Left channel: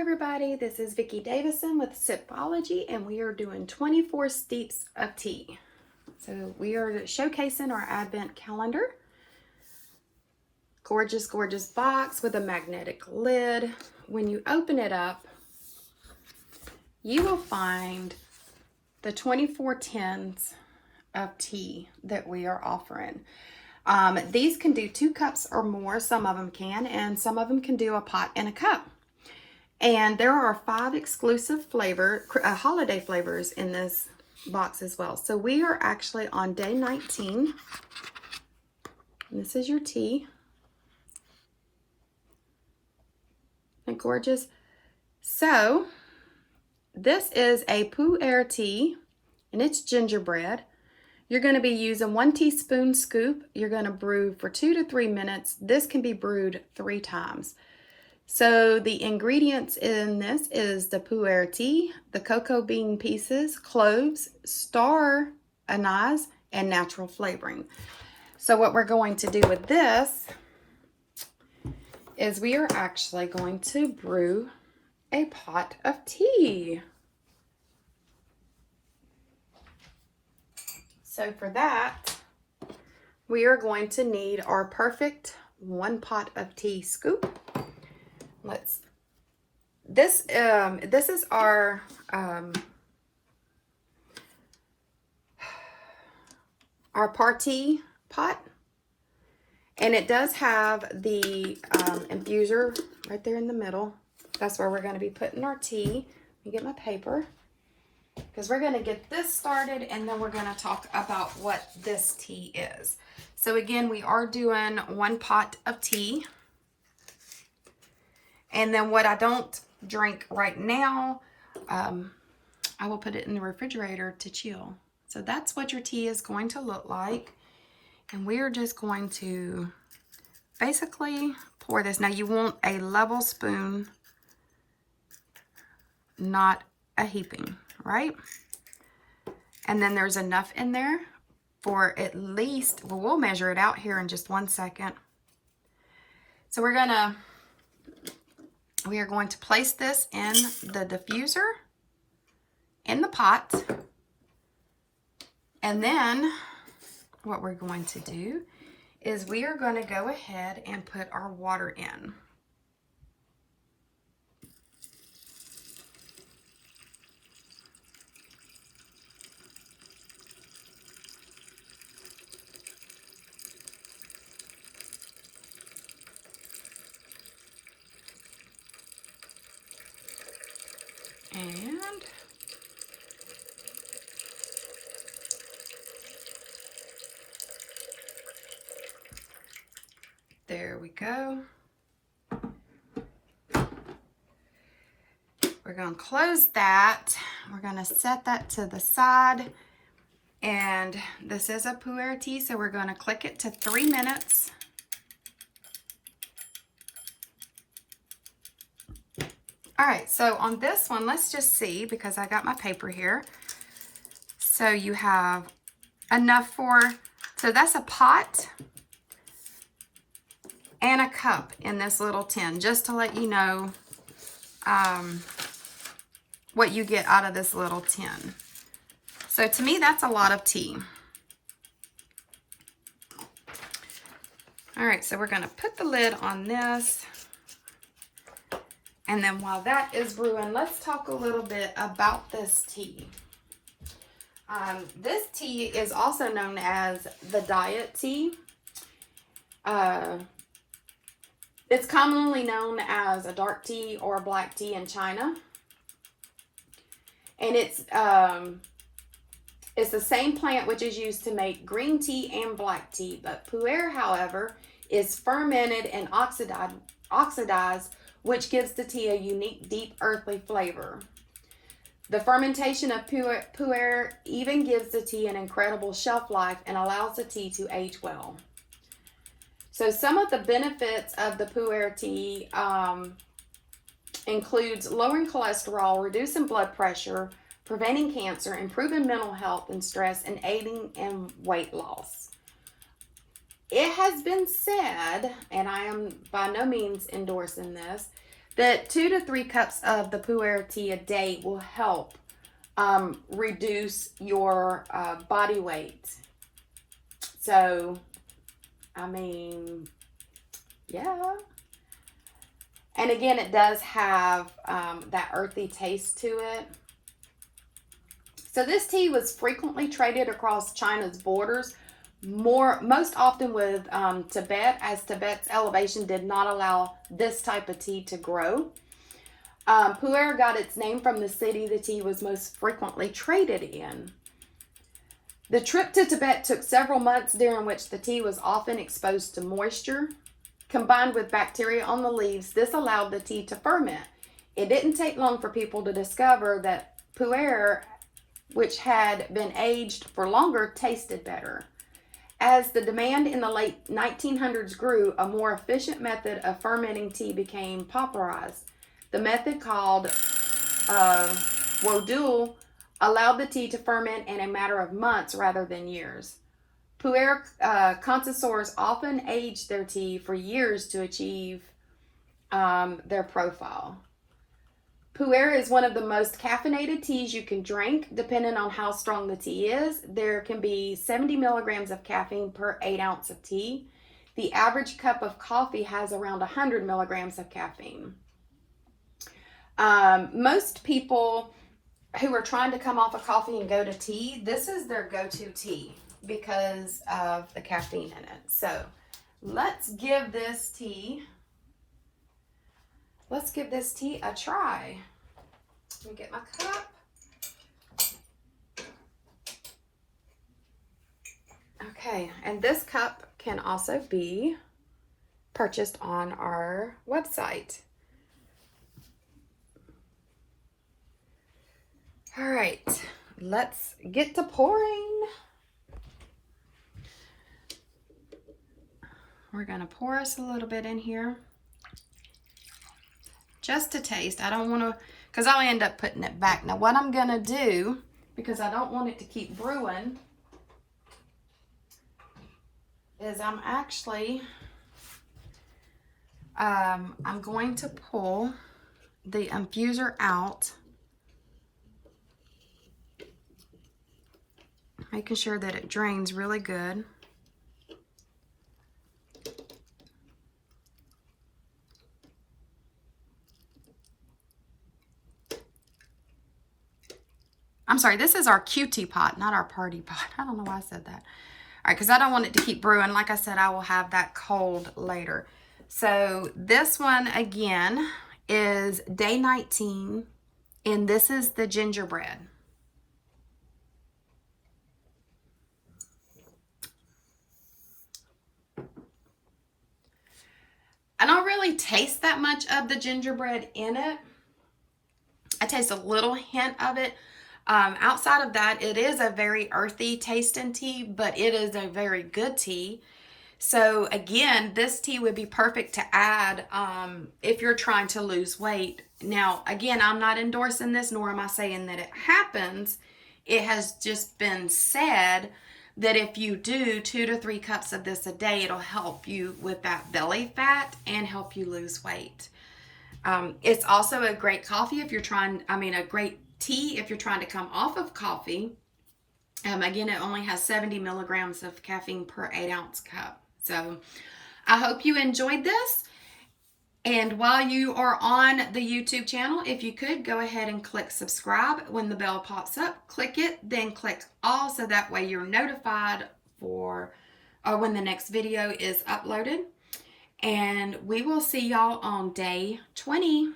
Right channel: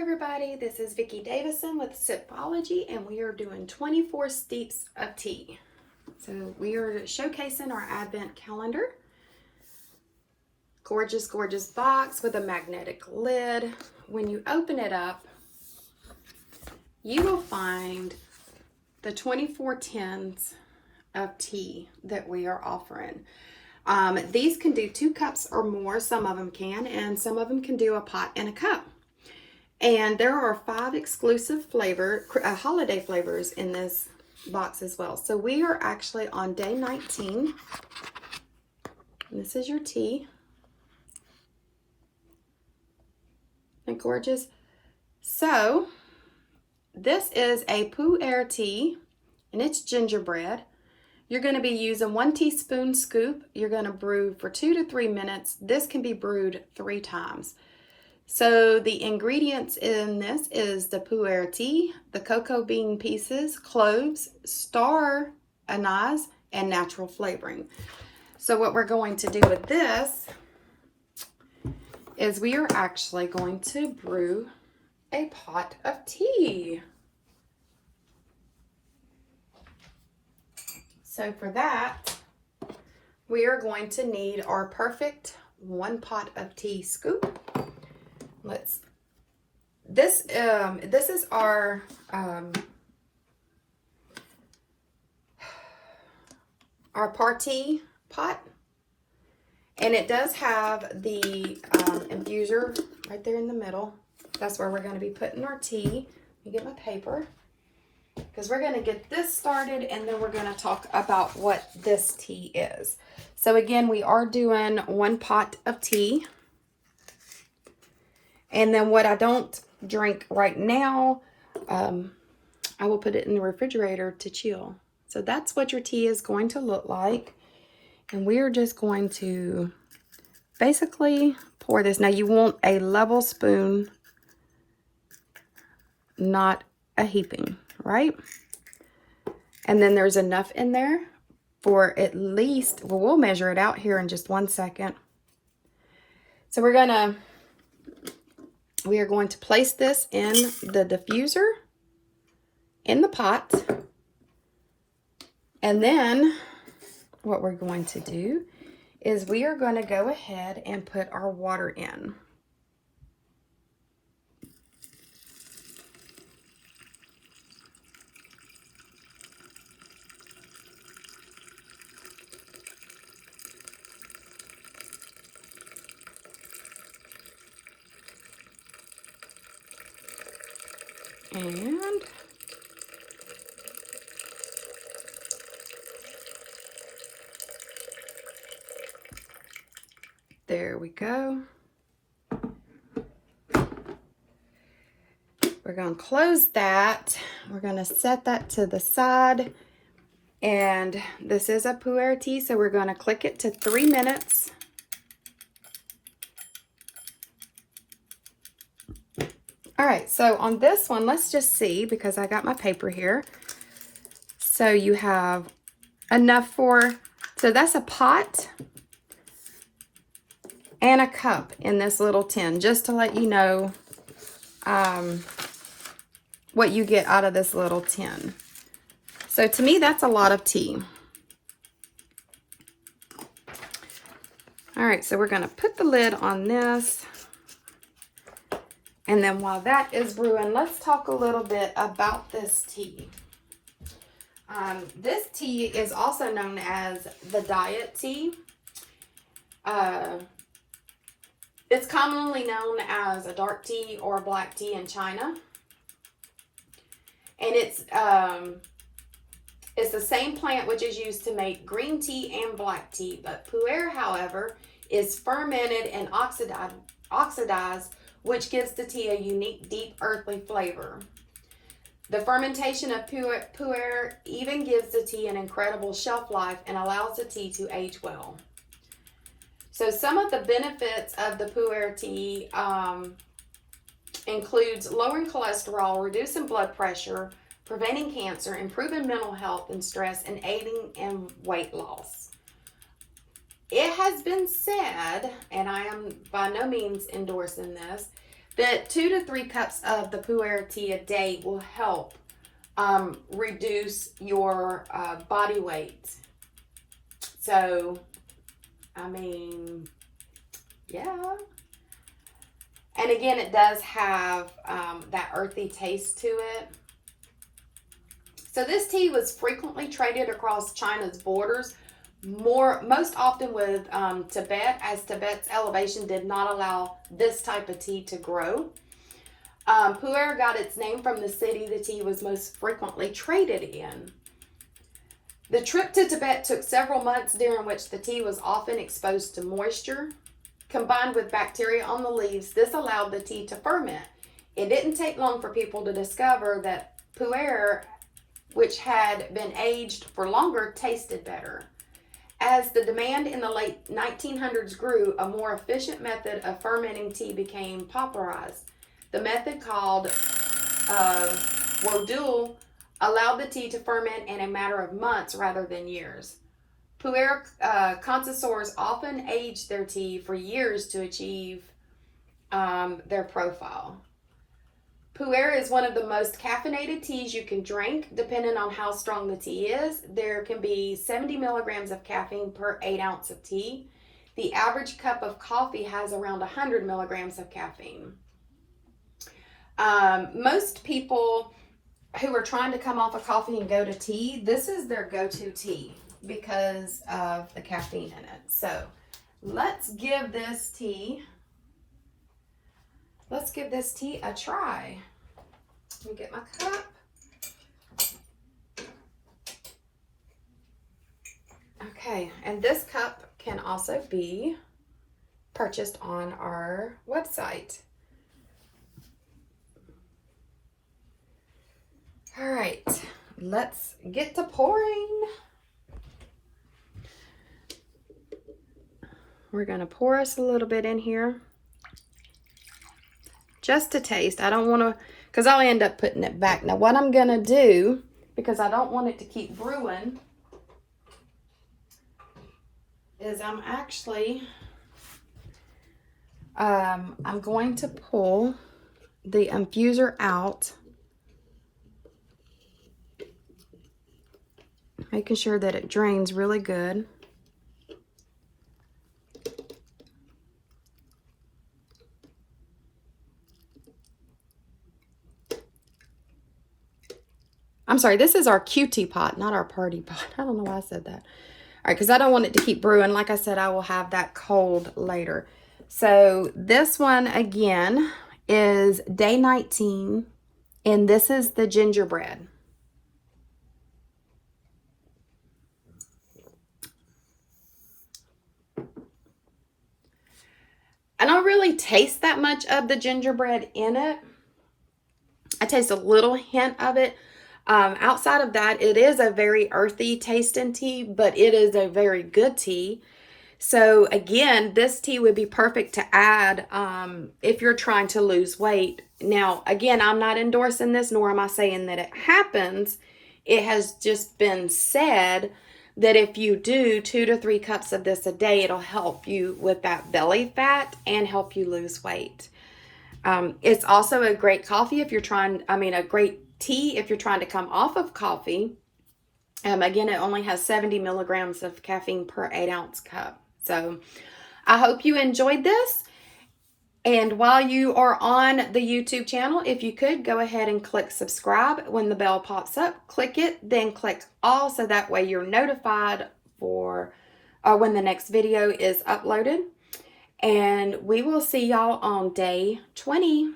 everybody, this is Vicki Davison with Sipology, and we are doing 24 Steeps of Tea. So we are showcasing our Advent calendar. Gorgeous, gorgeous box with a magnetic lid. When you open it up, you will find the 24 tins of tea that we are offering. These can do 2 cups or more, some of them can, and some of them can do a pot and a cup. And there are 5 exclusive holiday flavors in this box as well. So we are actually on day 19. This is your tea. Isn't it gorgeous? So this is a pu'er tea, and it's gingerbread. You're going to be using 1 teaspoon scoop. You're going to brew for 2 to 3 minutes. This can be brewed 3 times. So the ingredients in this is the pu'er tea, the cocoa bean pieces, cloves, star anise, and natural flavoring. So what we're going to do with this is we are actually going to brew a pot of tea. So for that, we are going to need our perfect 1 pot of tea scoop. This is our party pot, and it does have the infuser right there in the middle. That's where we're going to be putting our tea. Let me get my paper, because we're going to get this started, and then we're going to talk about what this tea is. So again, we are doing 1 pot of tea. And then what I don't drink right now, I will put it in the refrigerator to chill. So that's what your tea is going to look like. And we're just going to basically pour this. Now you want a level spoon, not a heaping, right? And then there's enough in there for at least, well, we'll measure it out here in just 1 second. So we are going to place this in the diffuser, in the pot. And then what we're going to do is we are going to go ahead and put our water in. And there we go. We're going to close that. We're going to set that to the side. And this is a pu'er tea, so we're going to click it to 3 minutes. All right, so on this one, let's just see, because I got my paper here. So you have enough so that's a pot and a cup in this little tin, just to let you know what you get out of this little tin. So to me, that's a lot of tea. All right, so we're gonna put the lid on this. And then while that is brewing, let's talk a little bit about this tea. This tea is also known as the diet tea. It's commonly known as a dark tea or black tea in China. And it's the same plant which is used to make green tea and black tea. But pu'er, however, is fermented and oxidized, which gives the tea a unique, deep, earthly flavor. The fermentation of pu'er even gives the tea an incredible shelf life and allows the tea to age well. So some of the benefits of the pu'er tea includes lowering cholesterol, reducing blood pressure, preventing cancer, improving mental health and stress, and aiding in weight loss. It has been said, and I am by no means endorsing this, that 2 to 3 cups of the Pu'er tea a day will help reduce your body weight. So, I mean, yeah. And again, it does have that earthy taste to it. So this tea was frequently traded across China's borders, most often with Tibet, as Tibet's elevation did not allow this type of tea to grow. Pu'er got its name from the city the tea was most frequently traded in. The trip to Tibet took several months, during which the tea was often exposed to moisture. Combined with bacteria on the leaves, this allowed the tea to ferment. It didn't take long for people to discover that Pu'er, which had been aged for longer, tasted better. As the demand in the late 1900s grew, a more efficient method of fermenting tea became popularized. The method, called Wodul, allowed the tea to ferment in a matter of months rather than years. Pu'er connoisseurs often age their tea for years to achieve their profile. Pu'er is one of the most caffeinated teas you can drink, depending on how strong the tea is. There can be 70 milligrams of caffeine per 8 ounces of tea. The average cup of coffee has around 100 milligrams of caffeine. Most people who are trying to come off of coffee and go to tea, this is their go-to tea because of the caffeine in it. So let's give this tea a try. Let me get my cup. Okay, and this cup can also be purchased on our website. All right, let's get to pouring. We're gonna pour us a little bit in here. Just to taste. I don't wanna, because I'll end up putting it back. Now what I'm gonna do, because I don't want it to keep brewing, is I'm actually, I'm going to pull the infuser out, making sure that it drains really good. I'm sorry, this is our QT pot, not our party pot. I don't know why I said that. All right, because I don't want it to keep brewing. Like I said, I will have that cold later. So this one, again, is day 19, and this is the gingerbread. I don't really taste that much of the gingerbread in it. I taste a little hint of it. Outside of that, it is a very earthy tasting tea, but it is a very good tea. So again, this tea would be perfect to add if you're trying to lose weight. Now, again, I'm not endorsing this, nor am I saying that it happens. It has just been said that if you do 2 to 3 cups of this a day, it'll help you with that belly fat and help you lose weight. It's also a great coffee if you're trying, a great tea if you're trying to come off of coffee. Again, it only has 70 milligrams of caffeine per 8 ounce cup. So I hope you enjoyed this. And while you are on the YouTube channel, if you could go ahead and click subscribe. When the bell pops up, click it, then click all, so that way you're notified for when the next video is uploaded. And we will see y'all on day 20.